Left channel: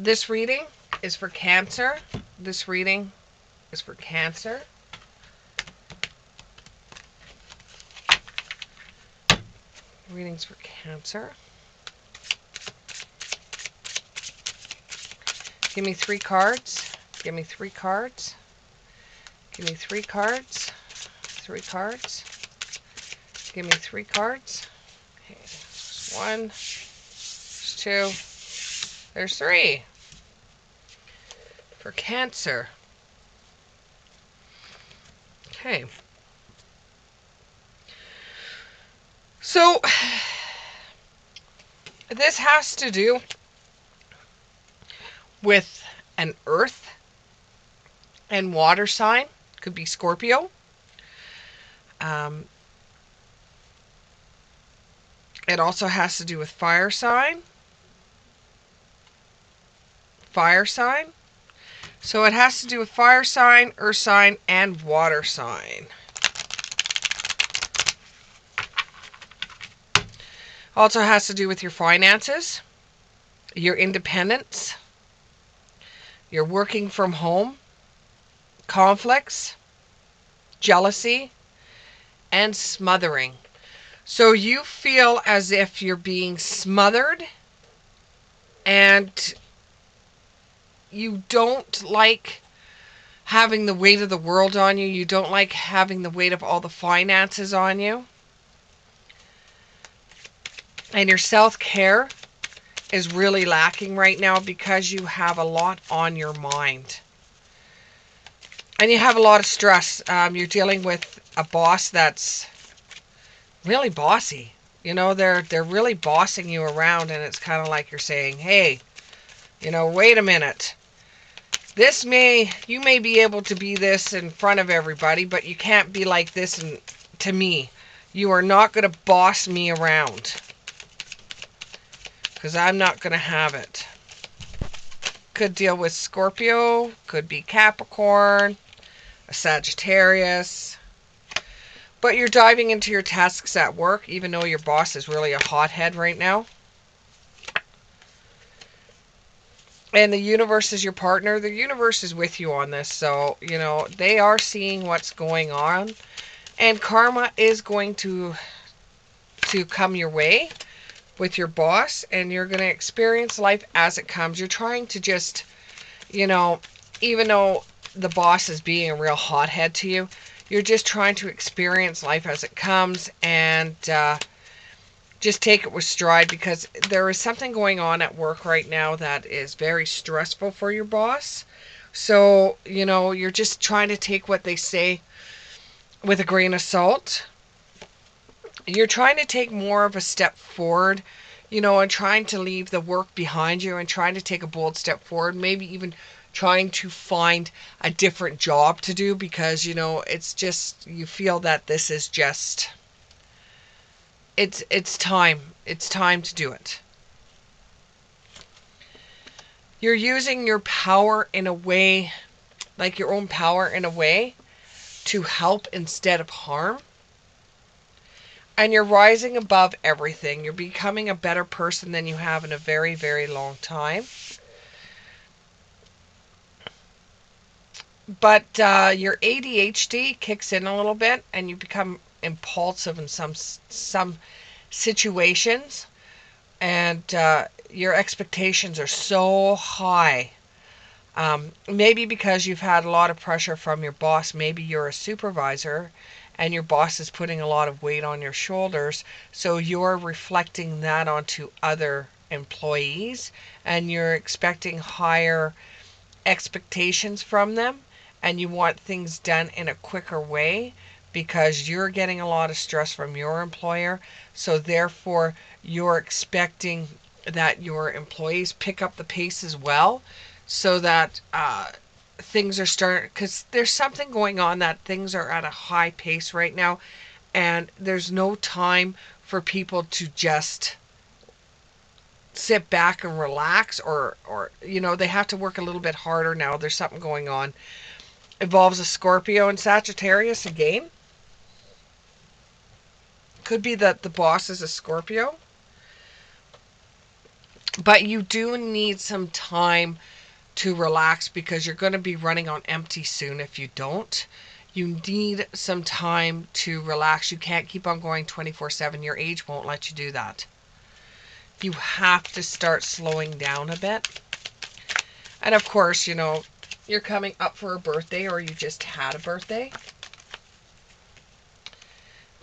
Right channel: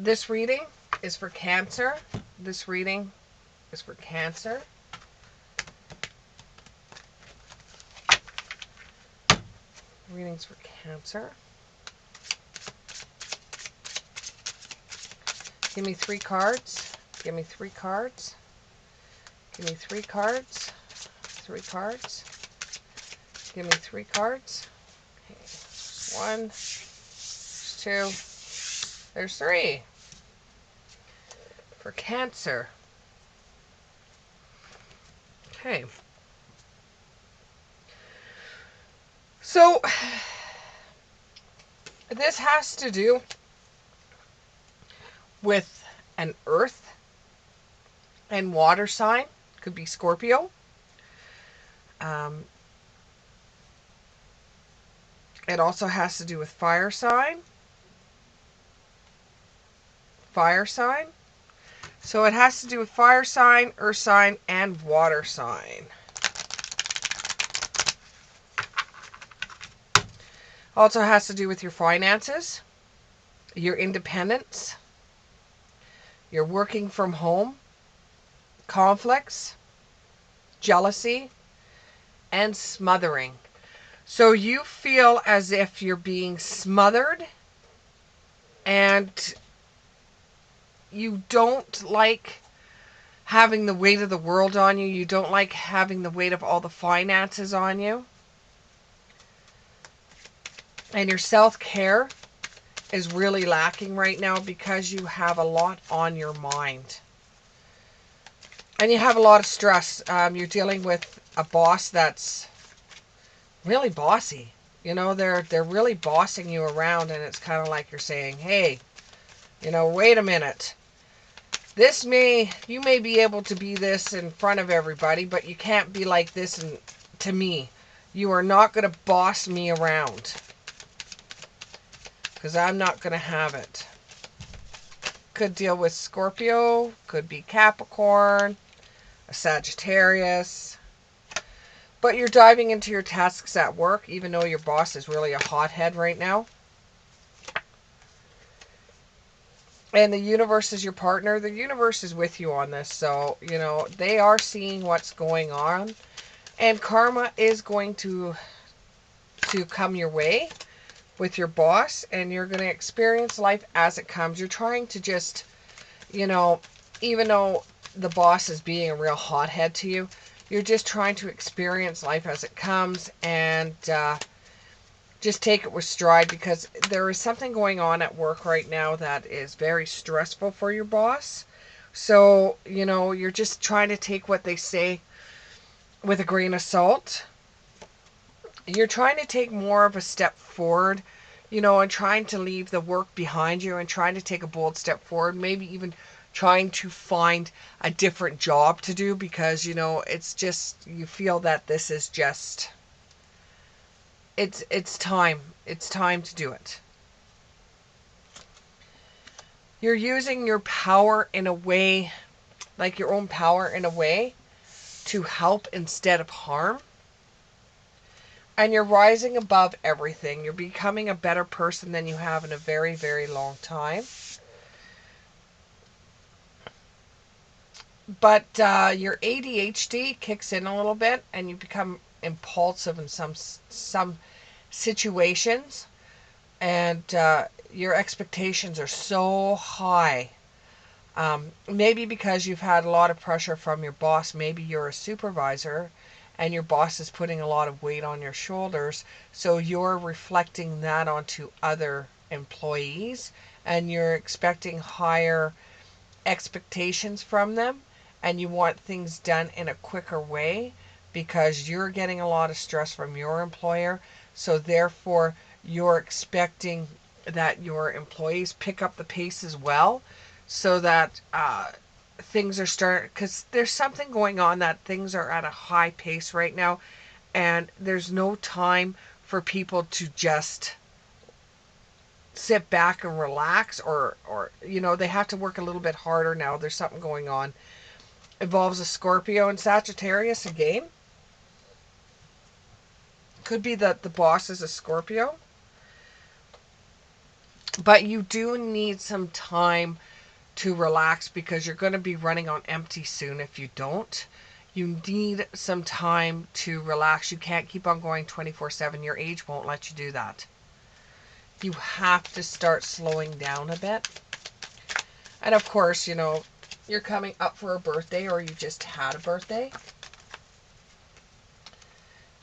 This reading is for Cancer. This reading is for Cancer. Readings for Cancer. Give me 3 cards. Give me 3 cards. Give me 3 cards. 3 cards. Give me 3 cards. Okay. 1. 2. There's 3. For Cancer. Okay. So, this has to do with an earth and water sign. Could be Scorpio. It also has to do with fire sign. Fire sign. So it has to do with fire sign, earth sign, and water sign. Also has to do with your finances, your independence, your working from home, conflicts, jealousy, and smothering. So you feel as if you're being smothered and you don't like having the weight of the world on you. You don't like having the weight of all the finances on you. And your self-care is really lacking right now because you have a lot on your mind. And you have a lot of stress. You're dealing with a boss that's really bossy. You know, they're really bossing you around, and it's kind of like you're saying, hey, you know, wait a minute. You may be able to be this in front of everybody, but you can't be like this to me. You are not going to boss me around. Because I'm not going to have it. Could deal with Scorpio, could be Capricorn, a Sagittarius. But you're diving into your tasks at work, even though your boss is really a hothead right now. And the universe is your partner. The universe is with you on this. So, you know, they are seeing what's going on. And karma is going to come your way with your boss. And you're going to experience life as it comes. You're trying to just, you know, even though the boss is being a real hothead to you, you're just trying to experience life as it comes and just take it with stride, because there is something going on at work right now that is very stressful for your boss. So, you know, you're just trying to take what they say with a grain of salt. You're trying to take more of a step forward, you know, and trying to leave the work behind you and trying to take a bold step forward, maybe even trying to find a different job to do, because, you know, it's just, you feel that this is just, it's time. It's time to do it. You're using your power in a way, like your own power in a way, to help instead of harm. And you're rising above everything. You're becoming a better person than you have in a very, very long time. But your ADHD kicks in a little bit, and you become impulsive in some situations, and your expectations are so high. Maybe because you've had a lot of pressure from your boss. Maybe you're a supervisor and your boss is putting a lot of weight on your shoulders, so you're reflecting that onto other employees, and you're expecting higher expectations from them, and you want things done in a quicker way because you're getting a lot of stress from your employer. So therefore, you're expecting that your employees pick up the pace as well, so that things are starting, because there's something going on that things are at a high pace right now, and there's no time for people to just sit back and relax, or you know, they have to work a little bit harder now. There's something going on. Involves a Scorpio and Sagittarius again. Could be that the boss is a Scorpio. But you do need some time to relax because you're going to be running on empty soon if you don't. You need some time to relax. You can't keep on going 24/7. Your age won't let you do that. You have to start slowing down a bit. And of course, you're coming up for a birthday or you just had a birthday.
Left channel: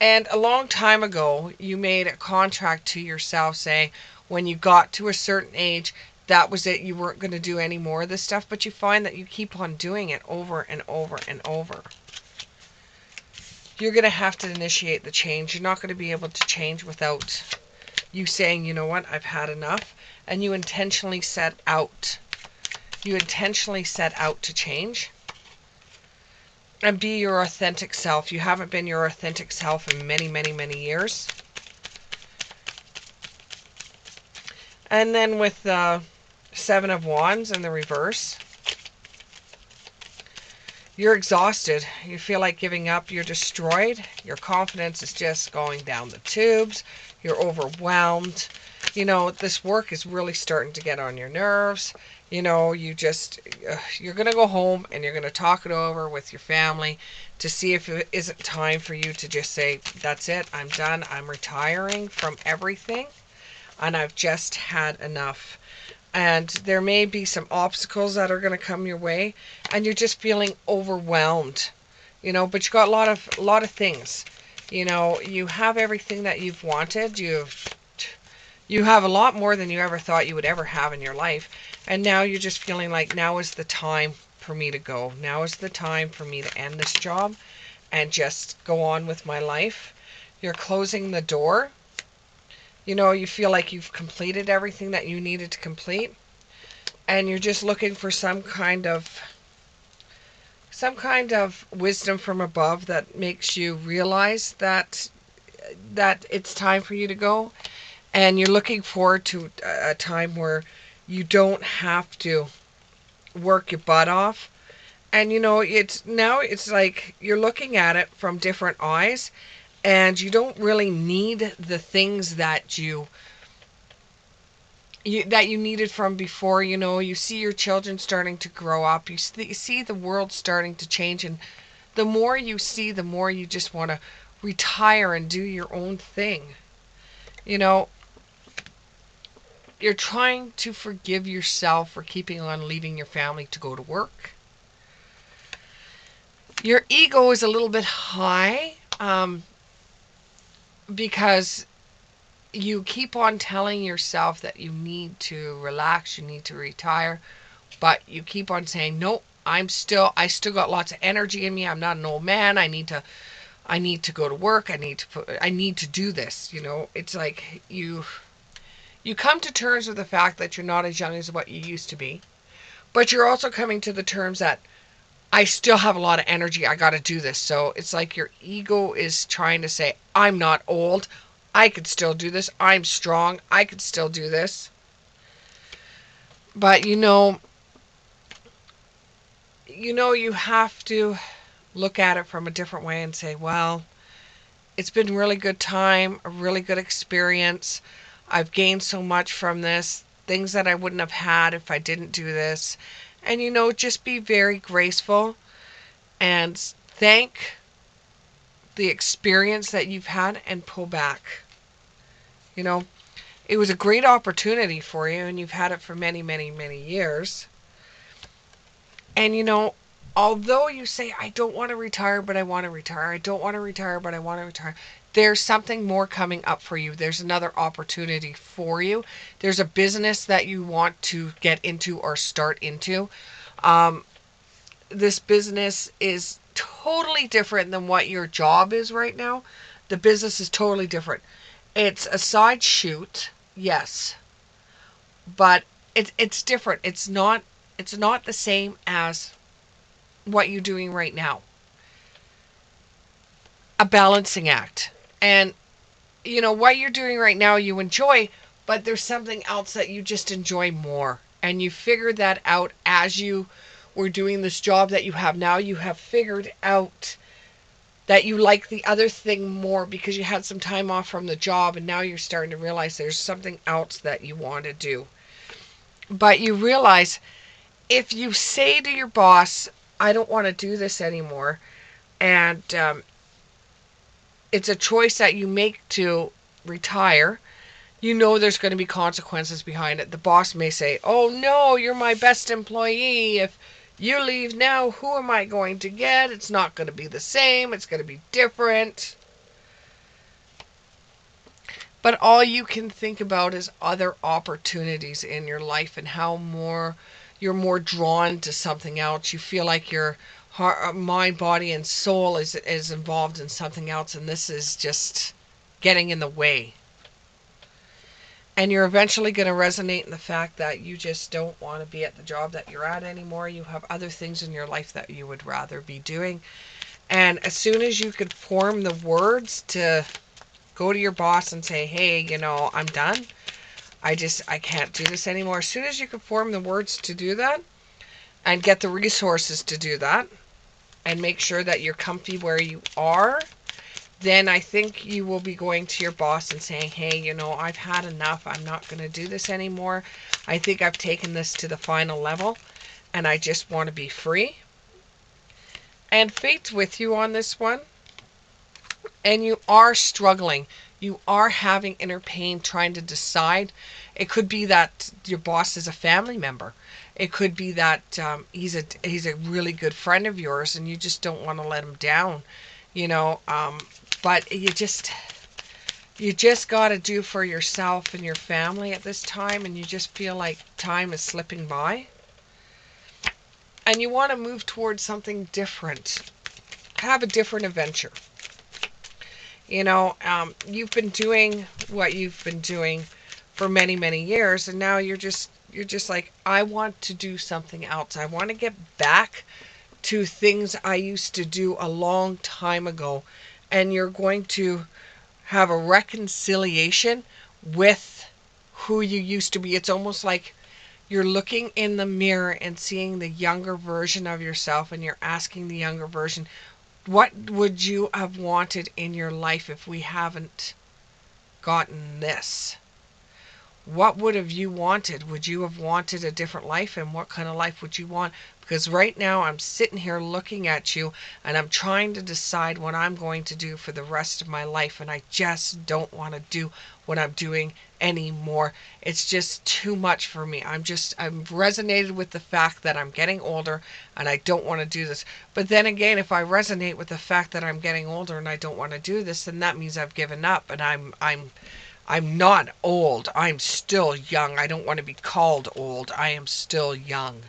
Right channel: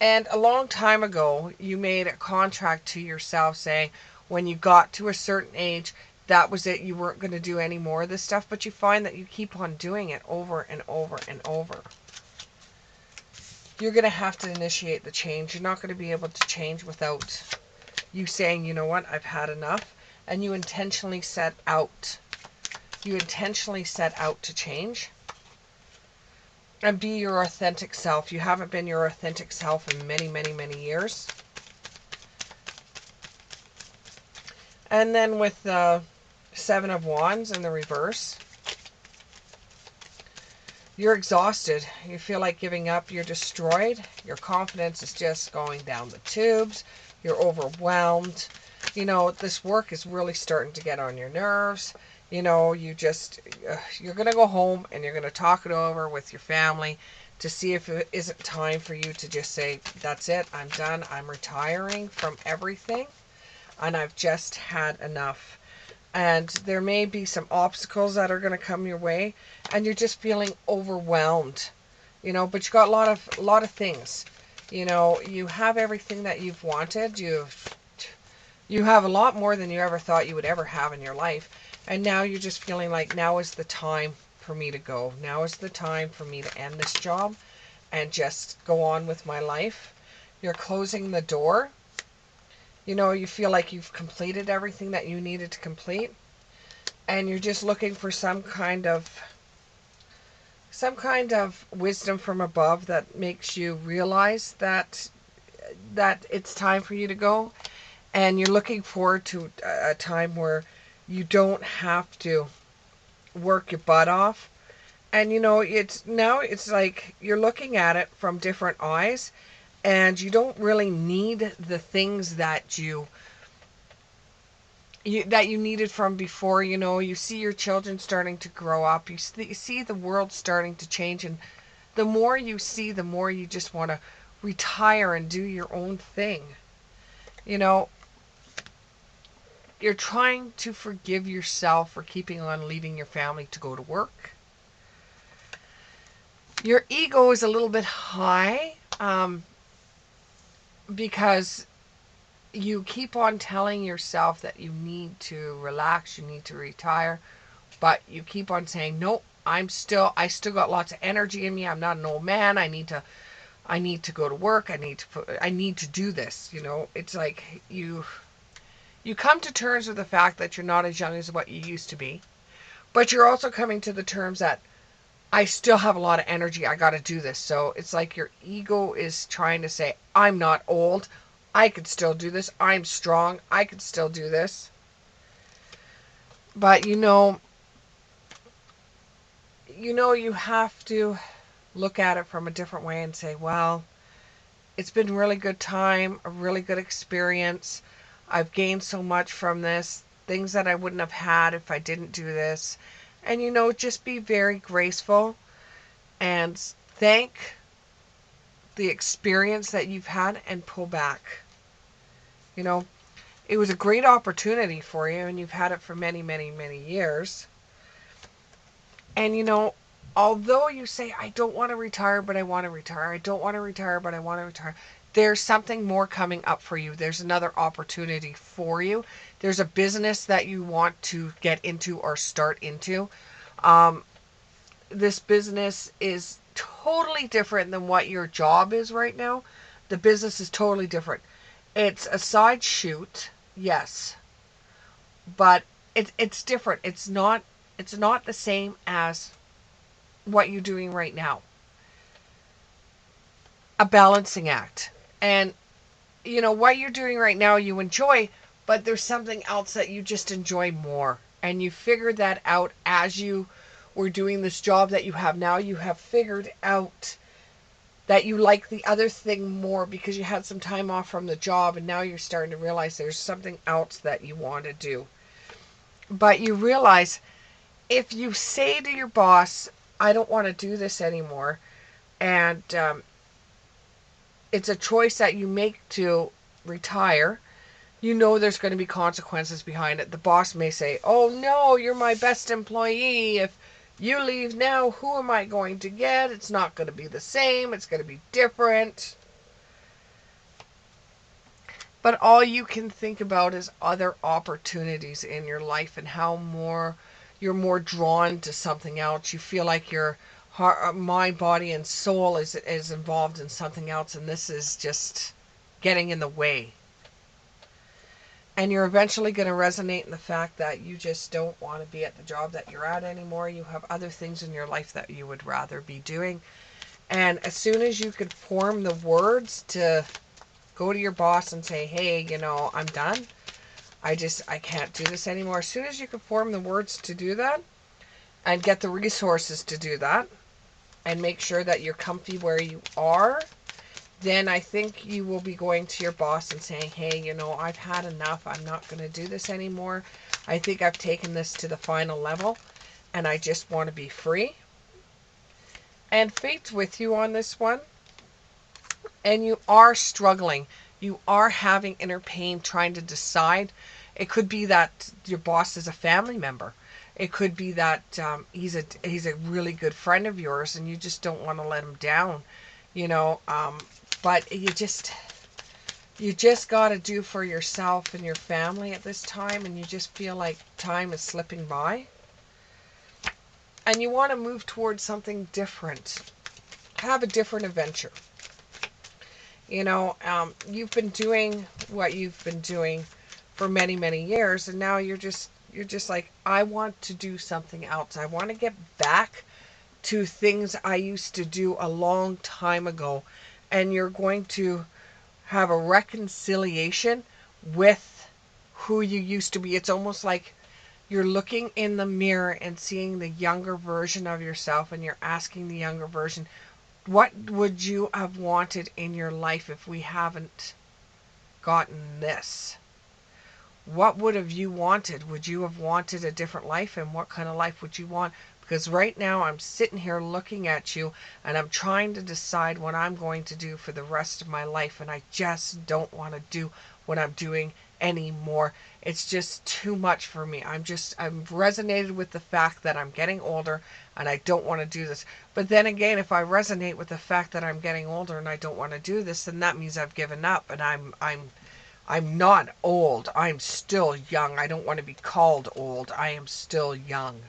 And a long time ago, you made a contract to yourself saying when you got to a certain age, that was it. You weren't going to do any more of this stuff, but you find that you keep on doing it over and over and over. You're going to have to initiate the change. You're not going to be able to change without you saying, you know what, I've had enough. And you intentionally set out. You intentionally set out to change. And be your authentic self. You haven't been your authentic self in many, many, many years. And then with the Seven of Wands in the reverse, you're exhausted. You feel like giving up. You're destroyed. Your confidence is just going down the tubes. You're overwhelmed. This work is really starting to get on your nerves. You're going to go home and you're going to talk it over with your family to see if it isn't time for you to just say, that's it, I'm done, I'm retiring from everything, and I've just had enough. And there may be some obstacles that are going to come your way, and you're just feeling overwhelmed, but you got a lot of things. You have everything that you've wanted. You have a lot more than you ever thought you would ever have in your life. And now you're just feeling like now is the time for me to go. Now is the time for me to end this job and just go on with my life. You're closing the door. You feel like you've completed everything that you needed to complete. And you're just looking for some kind of wisdom from above that makes you realize that it's time for you to go. And you're looking forward to a time where you don't have to work your butt off. And it's like you're looking at it from different eyes, and you don't really need the things that you needed from before. You see your children starting to grow up. You see the world starting to change, and the more you see, the more you just want to retire and do your own thing. You're trying to forgive yourself for keeping on leaving your family to go to work. Your ego is a little bit high because you keep on telling yourself that you need to relax, you need to retire, but you keep on saying, nope, I still got lots of energy in me. I'm not an old man. I need to go to work. I need to do this. It's like you come to terms with the fact that you're not as young as what you used to be, but you're also coming to the terms that I still have a lot of energy. I got to do this. So it's like your ego is trying to say, I'm not old. I could still do this. I'm strong. I could still do this. But you have to look at it from a different way and say, well, it's been a really good time, a really good experience. I've gained so much from this, things that I wouldn't have had if I didn't do this. And just be very graceful and thank the experience that you've had and pull back. It was a great opportunity for you, and you've had it for many, many, many years. And although you say, I don't want to retire, but I want to retire. I don't want to retire, but I want to retire. There's something more coming up for you. There's another opportunity for you. There's a business that you want to get into or start into. This business is totally different than what your job is right now. The business is totally different. It's a side shoot, yes, but it's different. It's not the same as what you're doing right now. A balancing act. And what you're doing right now you enjoy, but there's something else that you just enjoy more. And you figured that out as you were doing this job that you have now. You have figured out that you like the other thing more because you had some time off from the job, and now you're starting to realize there's something else that you want to do. But you realize if you say to your boss, I don't want to do this anymore, and it's a choice that you make to retire, you know there's going to be consequences behind it. The boss may say, oh no, you're my best employee. If you leave now, who am I going to get? It's not going to be the same. It's going to be different. But all you can think about is other opportunities in your life and how you're more drawn to something else. You feel like your heart, mind, body, and soul is involved in something else, and this is just getting in the way. And you're eventually going to resonate in the fact that you just don't want to be at the job that you're at anymore. You have other things in your life that you would rather be doing. And as soon as you could form the words to go to your boss and say, hey, I'm done. I can't do this anymore. As soon as you can form the words to do that and get the resources to do that and make sure that you're comfy where you are, then I think you will be going to your boss and saying, hey, I've had enough. I'm not going to do this anymore. I think I've taken this to the final level and I just want to be free. And fate's with you on this one. And you are struggling. You are having inner pain trying to decide. It could be that your boss is a family member. It could be that he's a really good friend of yours and you just don't want to let him down, you know. But you just got to do for yourself and your family at this time, and you just feel like time is slipping by. And you want to move towards something different. Have a different adventure. You've been doing what you've been doing for many, many years, and now you're just like, I want to do something else. I want to get back to things I used to do a long time ago. And you're going to have a reconciliation with who you used to be. It's almost like you're looking in the mirror and seeing the younger version of yourself, and you're asking the younger version, what would you have wanted in your life if we haven't gotten this? What would have you wanted? Would you have wanted a different life? And what kind of life would you want? Because right now I'm sitting here looking at you and I'm trying to decide what I'm going to do for the rest of my life. And I just don't want to do what I'm doing anymore. It's just too much for me. I'm resonated with the fact that I'm getting older and I don't want to do this. But then again, if I resonate with the fact that I'm getting older and I don't want to do this, then that means I've given up, and I'm not old. I'm still young. I don't want to be called old. I am still young.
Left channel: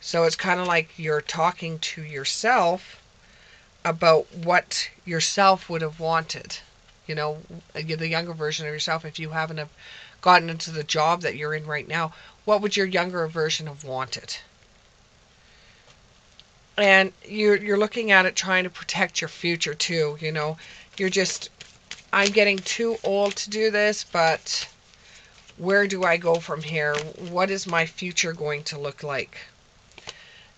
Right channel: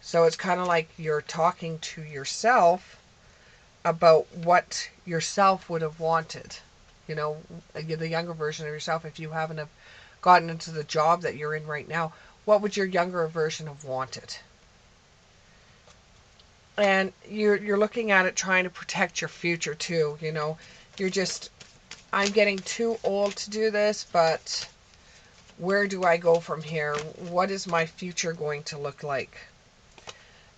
So it's kind of like you're talking to yourself about what yourself would have wanted. You know, the younger version of yourself, if you haven't have gotten into the job that you're in right now, what would your younger version have wanted? And you're looking at it trying to protect your future too, You're just, I'm getting too old to do this, but where do I go from here? What is my future going to look like?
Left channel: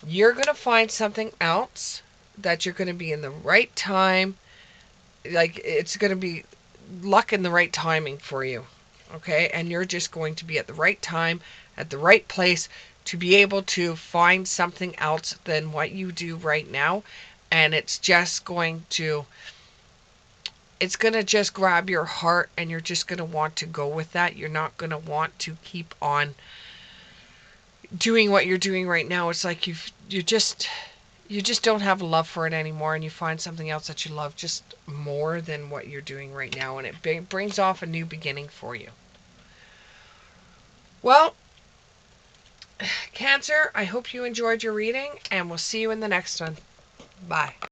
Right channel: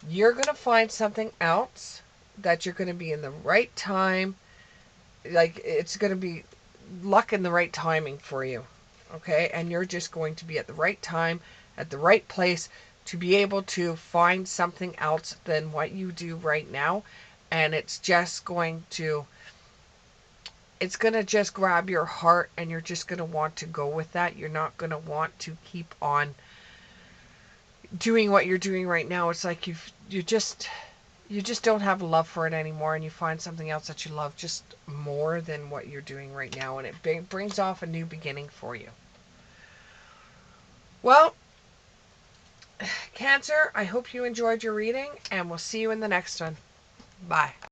You're going to find something else that you're going to be in the right time. Like, it's going to be luck and the right timing for you. Okay? And you're just going to be at the right time, at the right place to be able to find something else than what you do right now. And it's going to just grab your heart, and you're just going to want to go with that. You're not going to want to keep on doing what you're doing right now. It's like you just don't have love for it anymore, and you find something else that you love just more than what you're doing right now, and it brings off a new beginning for you. Well, Cancer, I hope you enjoyed your reading, and we'll see you in the next one. Bye.